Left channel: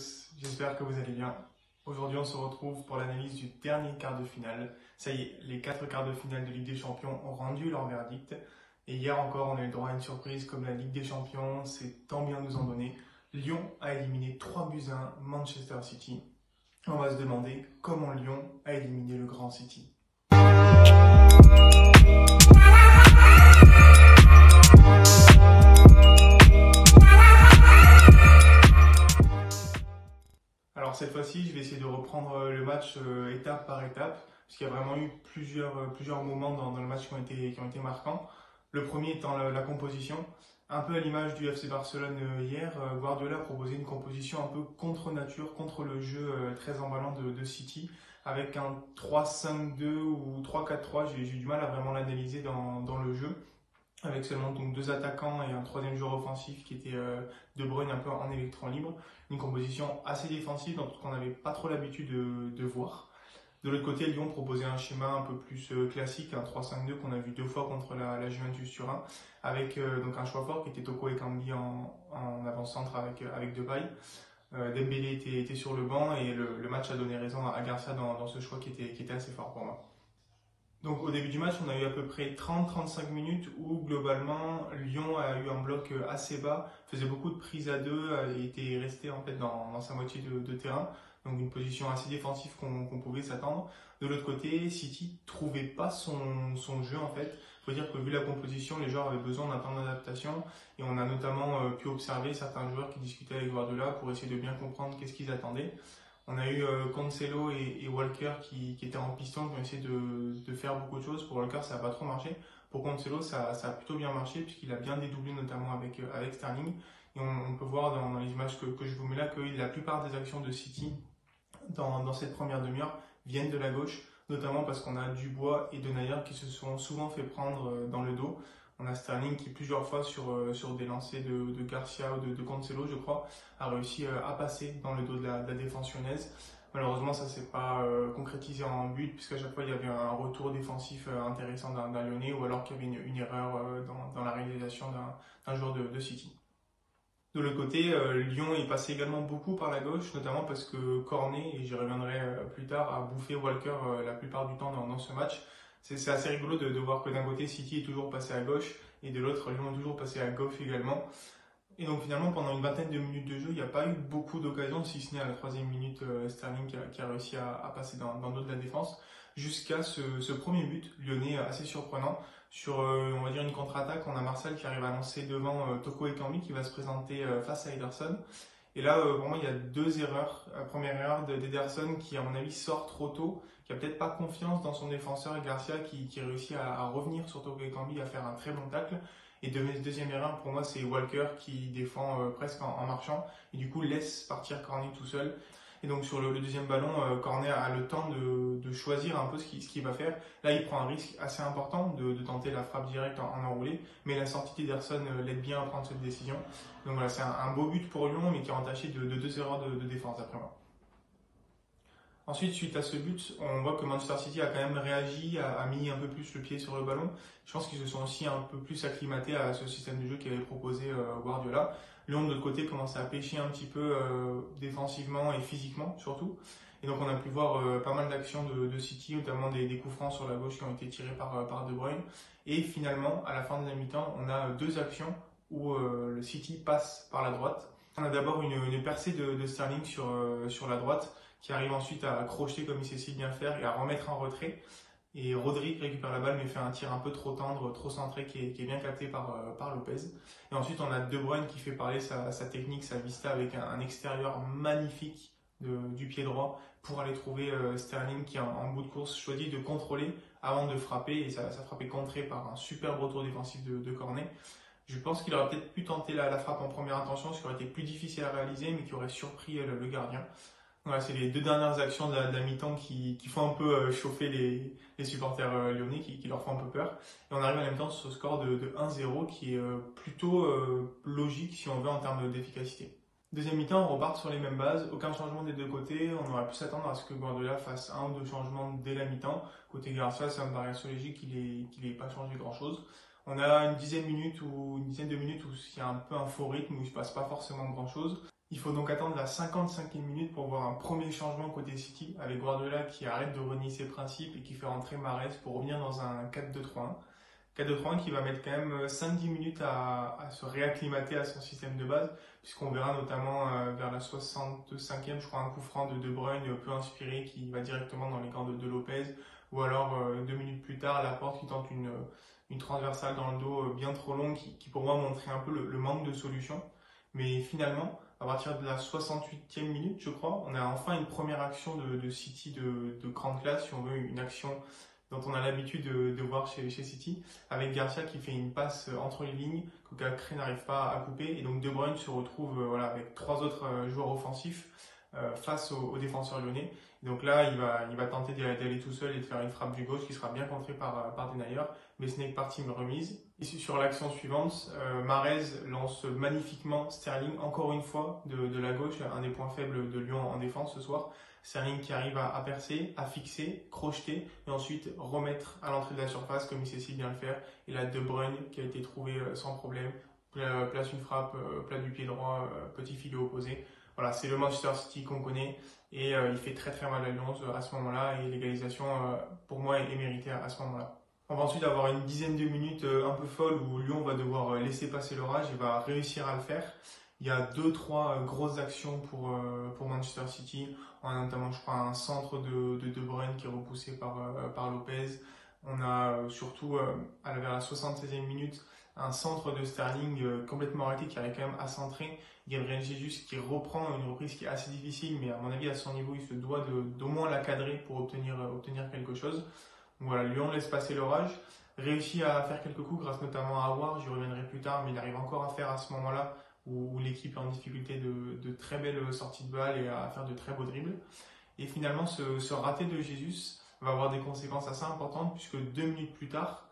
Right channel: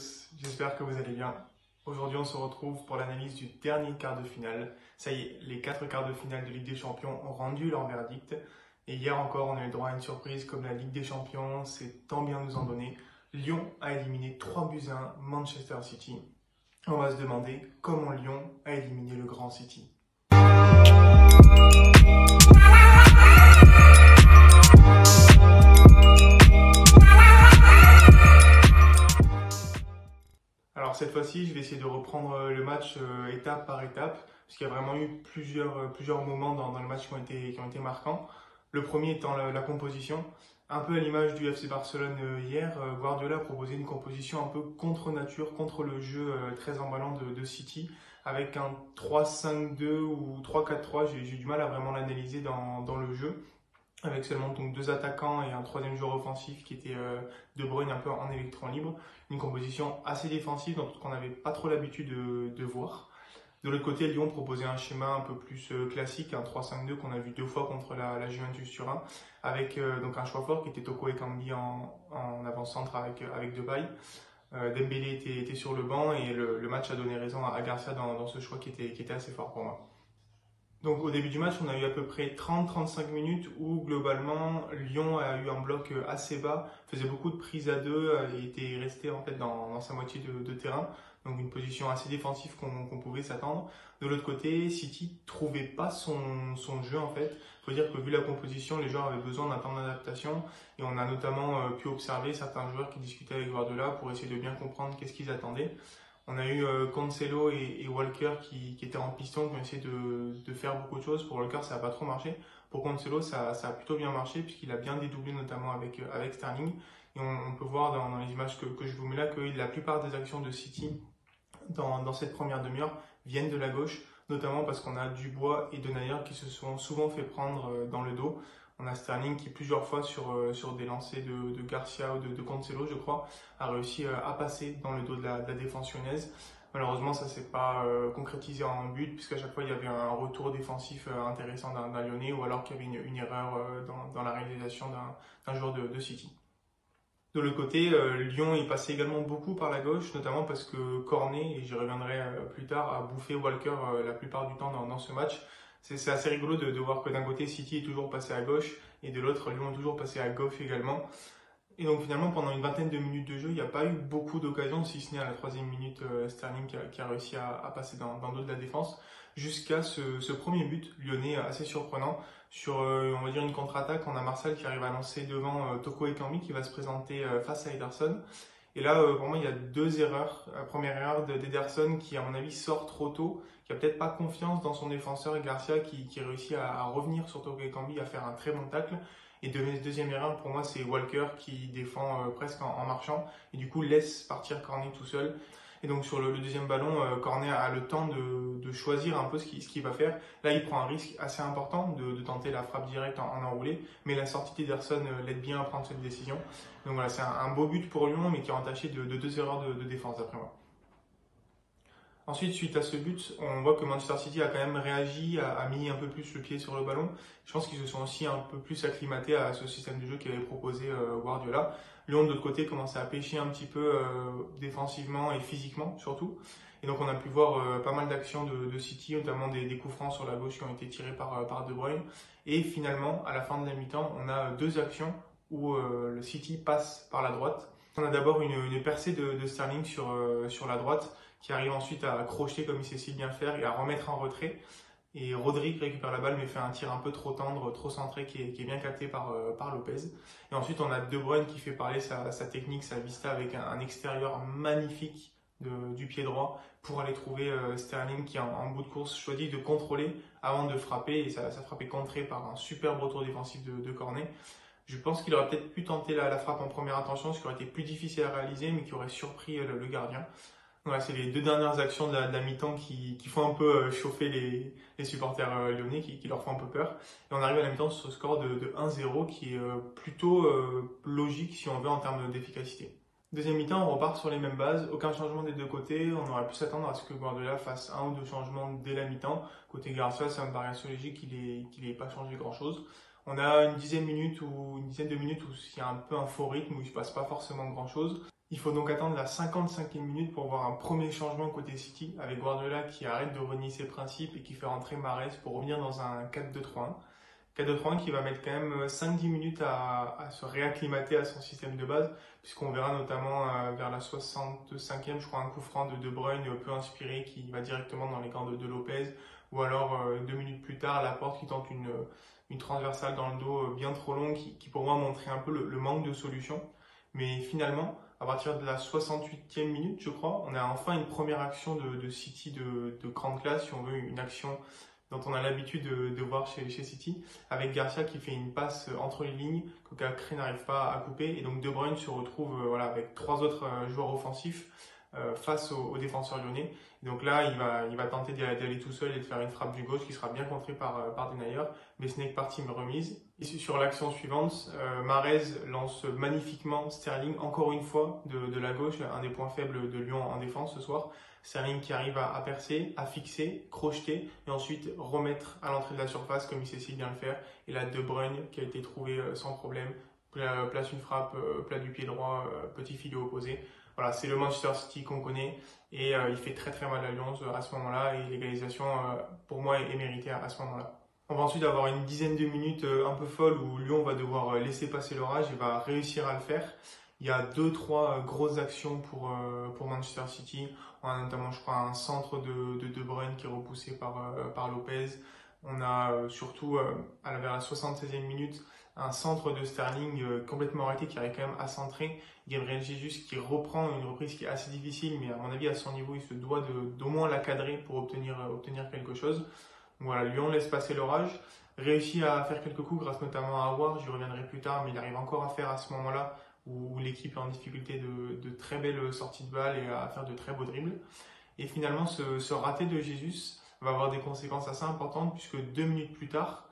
J'espère que vous allez bien. Aujourd'hui, on se retrouve pour l'analyse du dernier quart de finale. Ça y est, les 4 quarts de finale de Ligue des Champions ont rendu leur verdict. Et hier encore, on a eu droit à une surprise comme la Ligue des Champions, c'est tant bien nous en donner. Lyon a éliminé 3-1 Manchester City. On va se demander comment Lyon a éliminé le grand City. Alors cette fois-ci, je vais essayer de reprendre le match étape par étape, parce qu'il y a vraiment eu plusieurs moments dans le match qui ont été marquants. Le premier étant la composition. Un peu à l'image du FC Barcelone hier, Guardiola a proposé une composition un peu contre nature, contre le jeu très emballant de City, avec un 3-5-2 ou 3-4-3, j'ai du mal à vraiment l'analyser dans le jeu, avec seulement donc 2 attaquants et un troisième joueur offensif qui était De Bruyne un peu en électron libre. Une composition assez défensive, donc qu'on n'avait pas trop l'habitude de voir. De l'autre côté, Lyon proposait un schéma un peu plus classique, un 3-5-2 qu'on a vu 2 fois contre la Juventus Turin, avec donc un choix fort qui était Toko Ekambi en avant-centre avec Depay. Dembélé était sur le banc et le match a donné raison à Garcia dans ce choix qui était assez fort pour moi. Donc au début du match, on a eu à peu près 30-35 minutes où globalement Lyon a eu un bloc assez bas, faisait beaucoup de prises à deux et était resté en fait dans sa moitié de terrain. Donc une position assez défensive qu'on pouvait s'attendre. De l'autre côté, City trouvait pas son jeu en fait. Faut dire que vu la composition, les joueurs avaient besoin d'un temps d'adaptation et on a notamment pu observer certains joueurs qui discutaient avec Guardiola pour essayer de bien comprendre qu'est-ce qu'ils attendaient. On a eu Cancelo et Walker qui étaient en piston, qui ont essayé de faire beaucoup de choses. Pour Walker, ça n'a pas trop marché. Pour Cancelo, ça a plutôt bien marché puisqu'il a bien dédoublé notamment avec Sterling. Et on peut voir dans les images que je vous mets là que la plupart des actions de City dans cette première demi-heure viennent de la gauche, notamment parce qu'on a Dubois et Denayer qui se sont souvent fait prendre dans le dos. On a Sterling qui plusieurs fois sur des lancers de Garcia ou de Cancelo, je crois, a réussi à passer dans le dos de la défense lyonnaise. Malheureusement, ça s'est pas concrétisé en but, puisqu'à chaque fois il y avait un retour défensif intéressant d'un Lyonnais, ou alors qu'il y avait une erreur dans la réalisation d'un joueur de City. De l'autre côté, Lyon est passé également beaucoup par la gauche, notamment parce que Cornet, et j'y reviendrai plus tard, a bouffé Walker la plupart du temps dans ce match. C'est assez rigolo de voir que d'un côté, City est toujours passé à gauche et de l'autre, Lyon est toujours passé à gauche également. Et donc finalement, pendant une vingtaine de minutes de jeu, il n'y a pas eu beaucoup d'occasions, si ce n'est à la 3e minute, Sterling qui a réussi à passer dans le dos de la défense, jusqu'à ce premier but lyonnais assez surprenant. Sur, on va dire, une contre-attaque, on a Marcel qui arrive à lancer devant Toko Ekambi qui va se présenter face à Ederson. Et là, pour moi, il y a 2 erreurs. La première erreur d'Ederson qui, à mon avis, sort trop tôt, qui a peut-être pas confiance dans son défenseur Garcia qui réussit à revenir sur Toko Ekambi, à faire un très bon tacle. Et deuxième erreur, pour moi, c'est Walker qui défend presque en marchant et du coup laisse partir Cornet tout seul. Et donc sur le deuxième ballon, Cornet a le temps de choisir un peu ce qu'il va faire. Là, il prend un risque assez important de tenter la frappe directe en enroulé, mais la sortie d'Ederson l'aide bien à prendre cette décision. Donc voilà, c'est un beau but pour Lyon, mais qui est entaché de 2 erreurs de défense d'après moi. Ensuite, suite à ce but, on voit que Manchester City a quand même réagi, a mis un peu plus le pied sur le ballon. Je pense qu'ils se sont aussi un peu plus acclimatés à ce système de jeu qu'avait proposé Guardiola. Lyon, de l'autre côté, commençait à pêcher un petit peu défensivement et physiquement surtout. Et donc on a pu voir pas mal d'actions de City, notamment des coups francs sur la gauche qui ont été tirés par De Bruyne. Et finalement, à la fin de la mi-temps, on a 2 actions où le City passe par la droite. On a d'abord une percée de Sterling sur la droite, qui arrive ensuite à crocher comme il sait si bien faire et à remettre en retrait. Et Rodri récupère la balle mais fait un tir un peu trop tendre, trop centré qui est bien capté par Lopez. Et ensuite on a De Bruyne qui fait parler sa technique, sa vista avec un extérieur magnifique du pied droit pour aller trouver Sterling qui en bout de course choisit de contrôler avant de frapper et sa frappe est contrée par un superbe retour défensif de Cornet. Je pense qu'il aurait peut-être pu tenter la frappe en première intention, ce qui aurait été plus difficile à réaliser mais qui aurait surpris le gardien. Voilà, c'est les 2 dernières actions de la mi-temps qui font un peu chauffer les supporters lyonnais, qui leur font un peu peur. Et on arrive à la mi-temps sur ce score de 1-0 qui est plutôt logique si on veut en termes d'efficacité. Deuxième mi-temps, on repart sur les mêmes bases, aucun changement des 2 côtés. On aurait pu s'attendre à ce que Guardiola fasse 1 ou 2 changements dès la mi-temps. Côté Garcia, ça me paraît assez logique qu'il n'ait pas changé grand-chose. On a une dizaine de minutes où il y a un peu un faux rythme, où il ne se passe pas forcément grand-chose. Il faut donc attendre la 55e minute pour voir un premier changement côté City, avec Guardiola qui arrête de renier ses principes et qui fait rentrer Mahrez pour revenir dans un 4-2-3-1. 4-2-3-1 qui va mettre quand même 5-10 minutes à se réacclimater à son système de base, puisqu'on verra notamment vers la 65e, je crois, un coup franc de De Bruyne peu inspiré qui va directement dans les gants de Lopez, ou alors 2 minutes plus tard, Laporte qui tente une transversale dans le dos bien trop longue qui pour moi montrait un peu le manque de solution. Mais finalement, à partir de la 68e minute, je crois, on a enfin une première action de City de grande classe, si on veut, une action dont on a l'habitude de voir chez City, avec Garcia qui fait une passe entre les lignes que Cacré n'arrive pas à couper, et donc De Bruyne se retrouve voilà, avec 3 autres joueurs offensifs face aux défenseurs lyonnais. Et donc là, il va tenter d'aller tout seul et de faire une frappe du gauche qui sera bien contrée par Denayer, mais ce n'est que partie remise. Et sur l'action suivante, Mahrez lance magnifiquement Sterling, encore une fois, de la gauche, un des points faibles de Lyon en défense ce soir. Sterling qui arrive à percer, à fixer, crocheter et ensuite remettre à l'entrée de la surface comme il sait si bien le faire. Et là, De Bruyne qui a été trouvé sans problème, place une frappe, plat du pied droit, petit filet opposé. Voilà, c'est le Manchester City qu'on connaît et il fait très très mal à Lyon à ce moment-là et l'égalisation pour moi est méritée à ce moment-là. On va ensuite avoir une dizaine de minutes un peu folles où Lyon va devoir laisser passer l'orage et va réussir à le faire. Il y a 2-3 grosses actions pour Manchester City. On a notamment, je crois, un centre de Bruyne qui est repoussé par Lopez. On a surtout, vers la 76e minute, un centre de Sterling complètement arrêté qui arrive quand même à centrer. Gabriel Jesus qui reprend une reprise qui est assez difficile, mais à mon avis, à son niveau, il se doit d'au moins la cadrer pour obtenir quelque chose. Donc voilà, Lyon laisse passer l'orage, réussit à faire quelques coups grâce notamment à Aouar, j'y reviendrai plus tard, mais il arrive encore à faire à ce moment-là où l'équipe est en difficulté de très belles sorties de balles et à faire de très beaux dribbles. Et finalement, ce raté de Jesus va avoir des conséquences assez importantes puisque 2 minutes plus tard,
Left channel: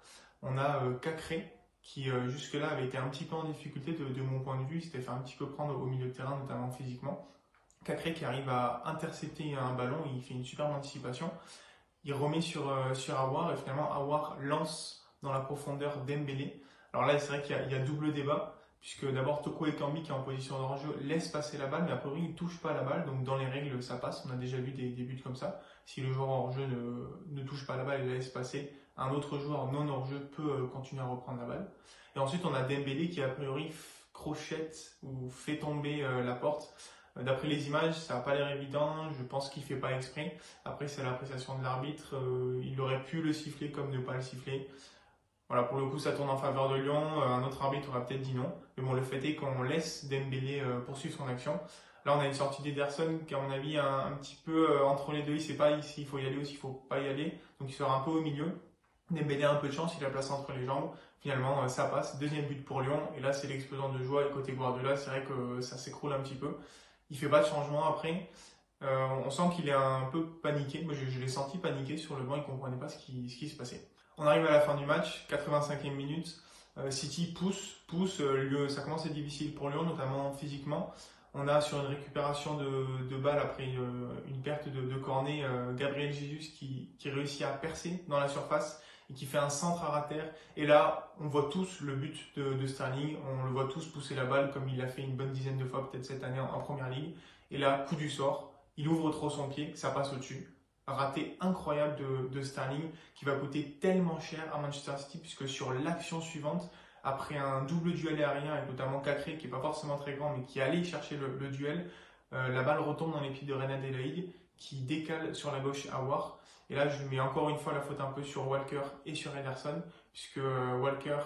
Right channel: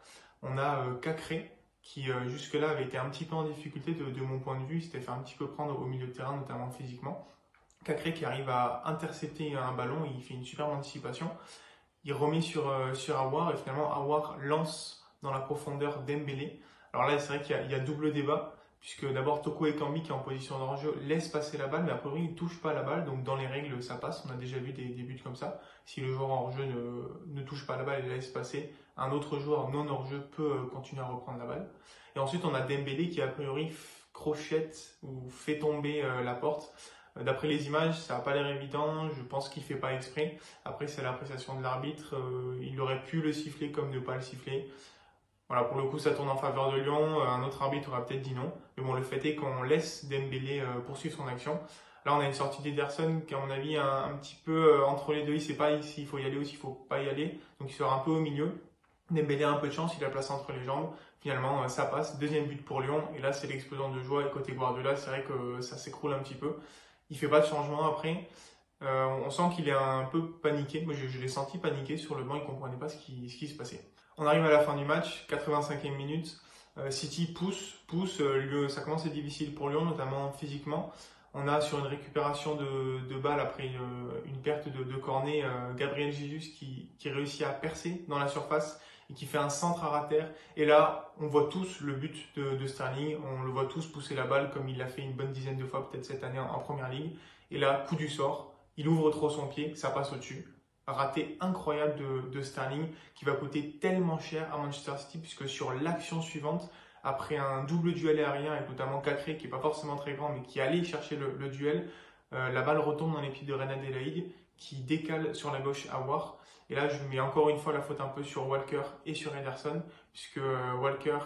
on a Cacré qui jusque-là avait été un petit peu en difficulté de mon point de vue, il s'était fait un petit peu prendre au milieu de terrain, notamment physiquement. Cacré qui arrive à intercepter un ballon, il fait une superbe anticipation, il remet sur Aouar et finalement Aouar lance dans la profondeur Dembélé. Alors là, c'est vrai qu'il y a double débat, puisque d'abord Toko Ekambi qui est en position de hors-jeu laisse passer la balle, mais a priori il ne touche pas la balle, donc dans les règles ça passe, on a déjà vu des buts comme ça. Si le joueur hors-jeu ne touche pas la balle et la laisse passer, un autre joueur non hors-jeu peut continuer à reprendre la balle. Et ensuite on a Dembélé qui a priori crochette ou fait tomber Laporte. D'après les images, ça n'a pas l'air évident, je pense qu'il ne fait pas exprès. Après c'est l'appréciation de l'arbitre, il aurait pu le siffler comme ne pas le siffler. Voilà, pour le coup, ça tourne en faveur de Lyon. Un autre arbitre aurait peut-être dit non. Mais bon, le fait est qu'on laisse Dembélé poursuivre son action. Là, on a une sortie d'Ederson qui, à mon avis, est un petit peu entre les deux. Il ne sait pas s'il faut y aller ou s'il ne faut pas y aller. Donc, il sera un peu au milieu. Dembélé a un peu de chance, il a la place entre les jambes. Finalement, ça passe. Deuxième but pour Lyon. Et là, c'est l'explosion de joie. Et côté Guardiola, c'est vrai que ça s'écroule un petit peu. Il ne fait pas de changement après. On sent qu'il est un peu paniqué. Moi, je l'ai senti paniqué sur le banc. Il ne comprenait pas ce qui se passait. On arrive à la fin du match, 85e minute, City pousse, ça commence à être difficile pour Lyon, notamment physiquement. On a sur une récupération de balles après une perte de cornet, Gabriel Jesus qui réussit à percer dans la surface et qui fait un centre à ras terre. Et là, on voit tous le but de Sterling, on le voit tous pousser la balle comme il l'a fait une bonne dizaine de fois peut-être cette année en Première Ligue. Et là, coup du sort, il ouvre trop son pied, ça passe au-dessus. Raté incroyable de Sterling qui va coûter tellement cher à Manchester City puisque sur l'action suivante, après un double duel aérien avec notamment Cacré qui n'est pas forcément très grand mais qui allait chercher le duel, la balle retombe dans les pieds de Renan Adelaide qui décale sur la gauche Aouar. Et là, je mets encore une fois la faute un peu sur Walker et sur Ederson puisque Walker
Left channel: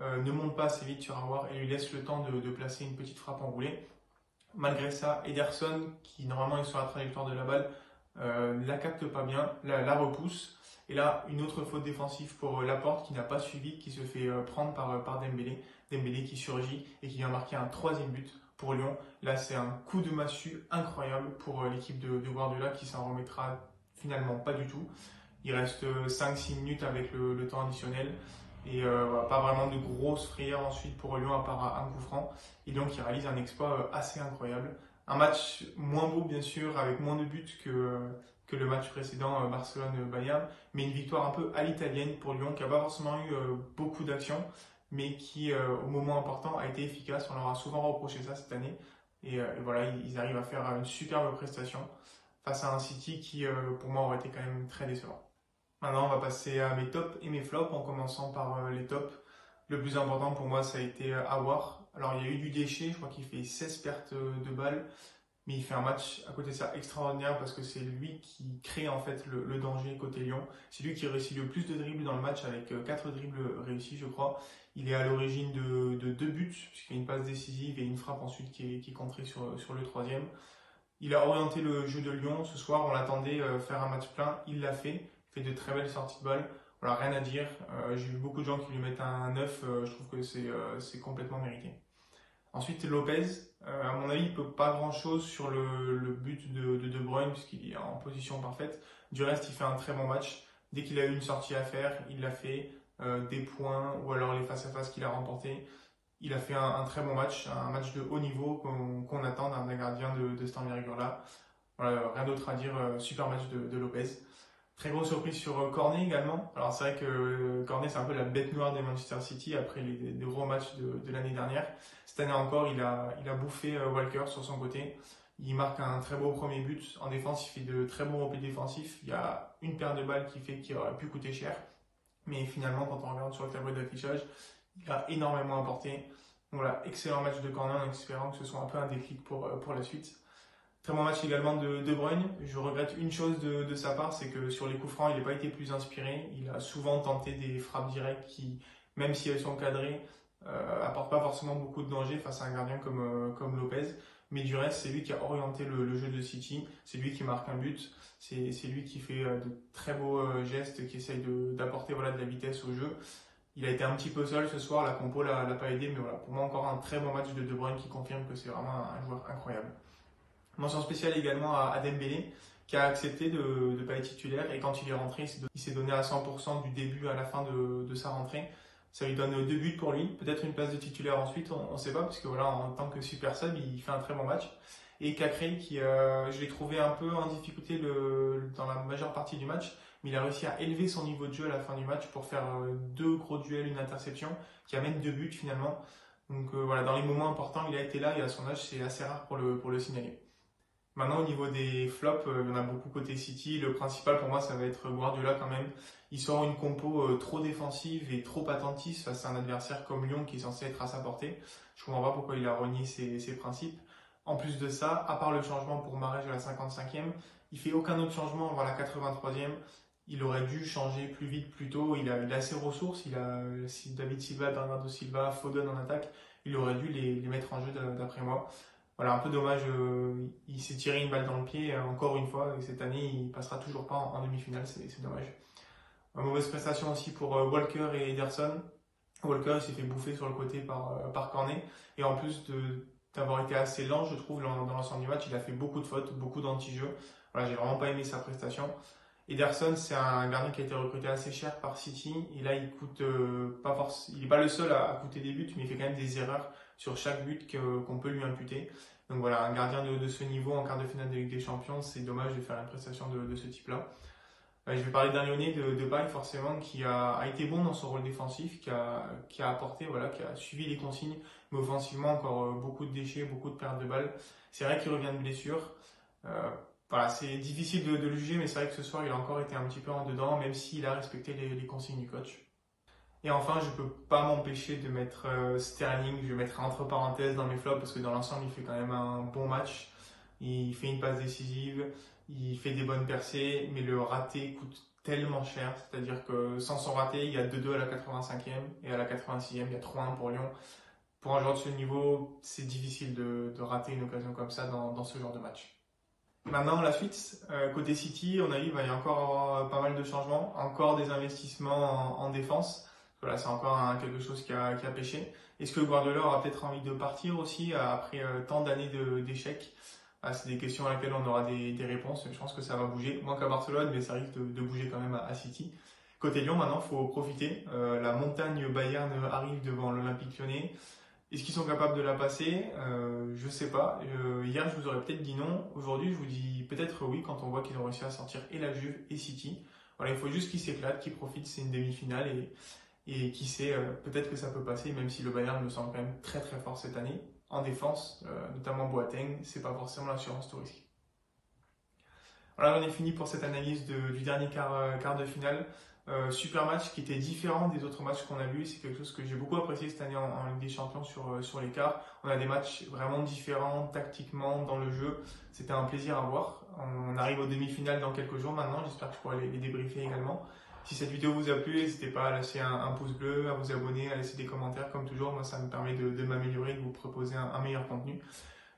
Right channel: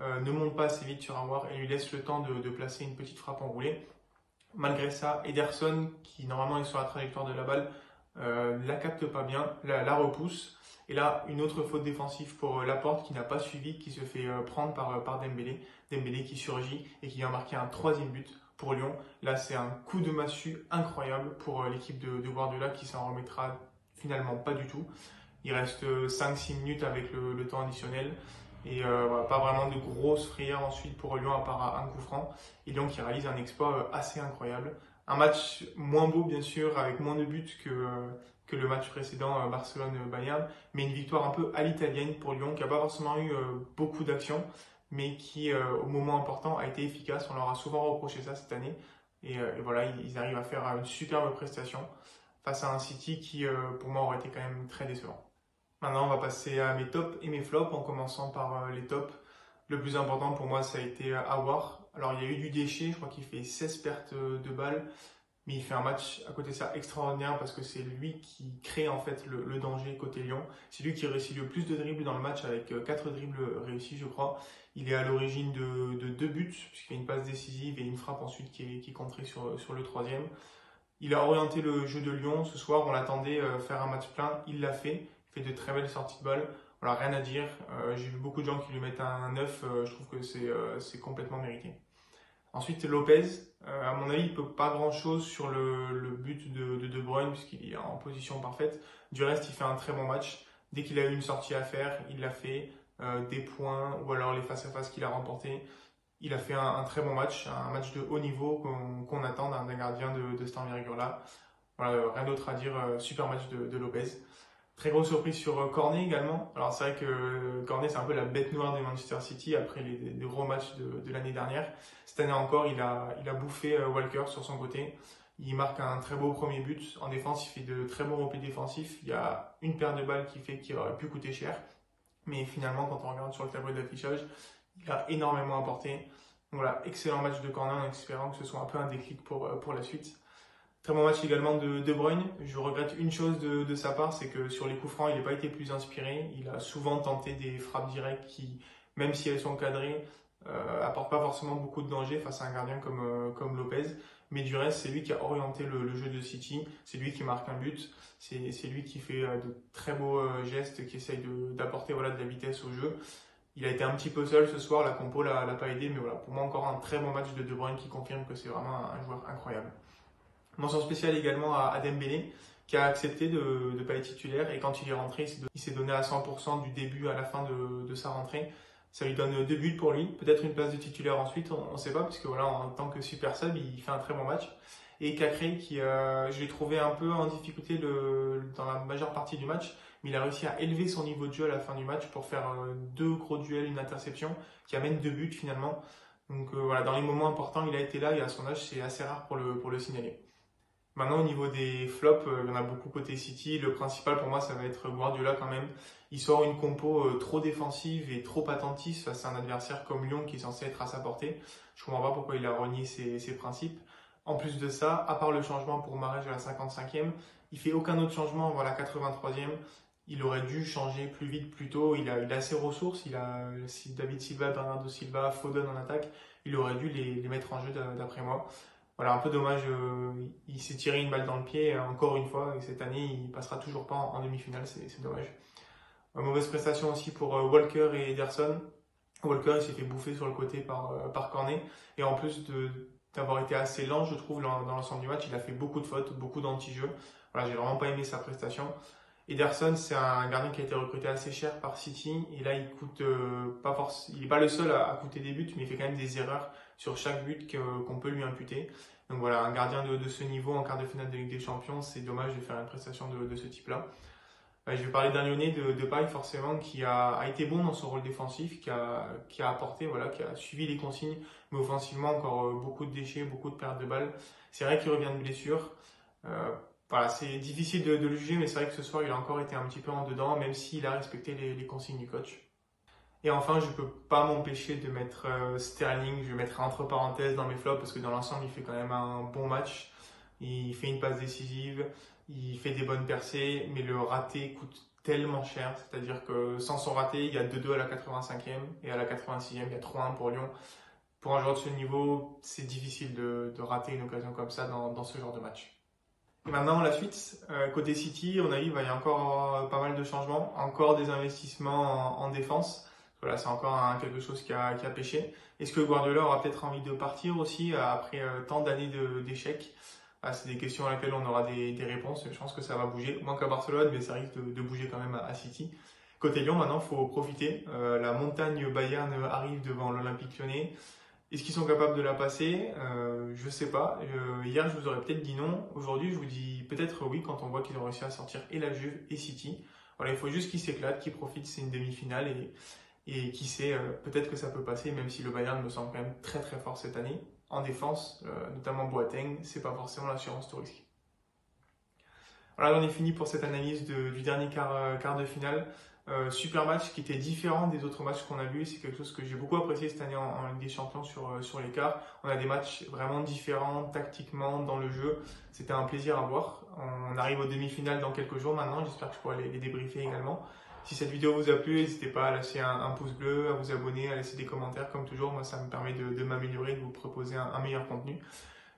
ne monte pas assez vite sur Aouar et lui laisse le temps de placer une petite frappe enroulée. Malgré ça, Ederson qui normalement est sur la trajectoire de la balle, la capte pas bien, la repousse. Et là, une autre faute défensive pour Laporte qui n'a pas suivi, qui se fait prendre par Dembélé. Dembélé qui surgit et qui vient marquer un 3e but pour Lyon. Là, c'est un coup de massue incroyable pour l'équipe de Guardiola qui s'en remettra finalement pas du tout. Il reste 5-6 minutes avec le temps additionnel. Et voilà, pas vraiment de grosses frayeurs ensuite pour Lyon à part un coup franc. Et Lyon qui réalise un exploit assez incroyable. Un match moins beau bien sûr, avec moins de buts que le match précédent Barcelone-Bayern, mais une victoire un peu à l'italienne pour Lyon qui n'a pas forcément eu beaucoup d'actions, mais qui au moment important a été efficace. On leur a souvent reproché ça cette année. Et voilà, ils arrivent à faire une superbe prestation face à un City qui, pour moi, aurait été quand même très décevant. Maintenant, on va passer à mes tops et mes flops, en commençant par les tops. Le plus important pour moi, ça a été Aouar. Alors, il y a eu du déchet, je crois qu'il fait 16 pertes de balles, mais il fait un match à côté de ça extraordinaire parce que c'est lui qui crée en fait le danger côté Lyon. C'est lui qui réussit le plus de dribbles dans le match avec 4 dribbles réussis, je crois. Il est à l'origine de 2 buts, puisqu'il fait une passe décisive et une frappe ensuite qui est contrée sur le troisième. Il a orienté le jeu de Lyon. Ce soir, on l'attendait faire un match plein. Il l'a fait. Il fait de très belles sorties de balle. Voilà, rien à dire. J'ai vu beaucoup de gens qui lui mettent un 9. Je trouve que c'est complètement mérité. Ensuite, Lopez. À mon avis, il peut pas grand-chose sur le but de Bruyne puisqu'il est en position parfaite. Du reste, il fait un très bon match. Dès qu'il a eu une sortie à faire, il l'a fait. Des points ou alors les face-à-face qu'il a remportés. Il a fait un très bon match, un match de haut niveau qu'on attend d'un gardien de cette envergure-là. Voilà, rien d'autre à dire, super match de Lopez. Très grosse surprise sur Cornet également. Alors c'est vrai que Cornet c'est un peu la bête noire des Manchester City après les gros matchs de l'année dernière. Cette année encore, il a bouffé Walker sur son côté. Il marque un très beau premier but. En défense, il fait de très bons replis défensifs. Il y a une paire de balles qui aurait pu coûter cher. Mais finalement, quand on regarde sur le tableau d'affichage, il a énormément apporté. Donc voilà, excellent match de Cornet en espérant que ce soit un peu un déclic pour la suite. Très bon match également de Bruyne. Je regrette une chose de sa part, c'est que sur les coups francs, il n'a pas été plus inspiré. Il a souvent tenté des frappes directes qui, même si elles sont cadrées, apportent pas forcément beaucoup de danger face à un gardien comme Lopez. Mais du reste, c'est lui qui a orienté le jeu de City. C'est lui qui marque un but. C'est lui qui fait de très beaux gestes, qui essaye d'apporter voilà, de la vitesse au jeu. Il a été un petit peu seul ce soir, la compo l'a pas aidé, mais voilà, pour moi encore un très bon match de Bruyne qui confirme que c'est vraiment un joueur incroyable. Mention spéciale également à Dembélé, qui a accepté de ne pas être titulaire, et quand il est rentré, il s'est donné à 100% du début à la fin de sa rentrée. Ça lui donne 2 buts pour lui, peut-être une place de titulaire ensuite, on ne sait pas, parce que voilà, en tant que super sub, il fait un très bon match. Et Cacré, qui je l'ai trouvé un peu en difficulté dans la majeure partie du match, mais il a réussi à élever son niveau de jeu à la fin du match pour faire 2 gros duels, une interception, qui amène 2 buts finalement. Donc voilà, dans les moments importants, il a été là, et à son âge, c'est assez rare pour le signaler. Maintenant, au niveau des flops, il y en a beaucoup côté City. Le principal pour moi, ça va être Guardiola quand même. Il sort une compo trop défensive et trop attentiste face à un adversaire comme Lyon qui est censé être à sa portée. Je comprends pas pourquoi il a renié ses principes. En plus de ça, à part le changement pour Mahrez à la 55e, il fait aucun autre changement avant la 83e. Il aurait dû changer plus vite, plus tôt. Il a ses ressources. Il a David Silva, Bernardo Silva, Foden en attaque. Il aurait dû les mettre en jeu d'après moi. Voilà, un peu dommage, il s'est tiré une balle dans le pied encore une fois, et cette année il passera toujours pas en demi-finale, c'est dommage. Mauvaise prestation aussi pour Walker et Ederson. Walker il s'est fait bouffer sur le côté par Cornet, et en plus d'avoir été assez lent, je trouve, dans l'ensemble du match, il a fait beaucoup de fautes, beaucoup d'anti-jeux. Voilà, j'ai vraiment pas aimé sa prestation. Ederson, c'est un gardien qui a été recruté assez cher par City, et là il coûte pas forcément, il est pas le seul à coûter des buts, mais il fait quand même des erreurs sur chaque but qu'on peut lui imputer. Donc voilà, un gardien de ce niveau en quart de finale de Ligue des Champions, c'est dommage de faire une prestation de ce type-là. Je vais parler d'un Lyonnais de Paille forcément qui a été bon dans son rôle défensif, qui a apporté, voilà, qui a suivi les consignes, mais offensivement encore beaucoup de déchets, beaucoup de pertes de balles. C'est vrai qu'il revient de blessure. Voilà, c'est difficile de le juger, mais c'est vrai que ce soir il a encore été un petit peu en dedans, même s'il a respecté les consignes du coach. Et enfin, je peux pas m'empêcher de mettre Sterling, je vais mettre entre parenthèses dans mes flops parce que dans l'ensemble, il fait quand même un bon match. Il fait une passe décisive, il fait des bonnes percées, mais le raté coûte tellement cher. C'est-à-dire que sans son raté, il y a 2-2 à la 85e et à la 86e, il y a 3-1 pour Lyon. Pour un joueur de ce niveau, c'est difficile de rater une occasion comme ça dans ce genre de match. Et maintenant, la suite, côté City, on arrive, il y a encore pas mal de changements, encore des investissements en défense. Voilà, c'est encore quelque chose qui a pêché. Est-ce que Guardiola aura peut-être envie de partir aussi après tant d'années d'échecs? C'est des questions à laquelle on aura des réponses. Je pense que ça va bouger, moins qu'à Barcelone, mais ça risque de bouger quand même à City. Côté Lyon, maintenant, il faut profiter. La montagne Bayern arrive devant l'Olympique Lyonnais. Est-ce qu'ils sont capables de la passer? Je sais pas. Hier, je vous aurais peut-être dit non. Aujourd'hui, je vous dis peut-être oui quand on voit qu'ils ont réussi à sortir et la Juve et City. Voilà, il faut juste qu'ils s'éclatent, qu'ils profitent. C'est une demi-finale et qui sait, peut-être que ça peut passer, même si le Bayern me semble quand même très très fort cette année. en défense, notamment Boateng, c'est pas forcément l'assurance tout risque. Voilà, on est fini pour cette analyse du dernier quart de finale. Super match qui était différent des autres matchs qu'on a vus. C'est quelque chose que j'ai beaucoup apprécié cette année en Ligue des Champions sur les quarts. On a des matchs vraiment différents tactiquement dans le jeu. C'était un plaisir à voir. On arrive aux demi-finales dans quelques jours maintenant. J'espère que je pourrai les débriefer également. Si cette vidéo vous a plu, n'hésitez pas à lâcher un pouce bleu, à vous abonner, à laisser des commentaires comme toujours. Moi, ça me permet de m'améliorer, de vous proposer un meilleur contenu.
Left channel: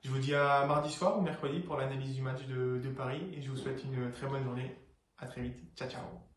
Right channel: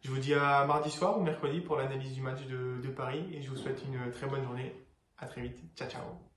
Je vous dis à mardi soir ou mercredi pour l'analyse du match de Paris et je vous souhaite une très bonne journée. À très vite. Ciao, ciao.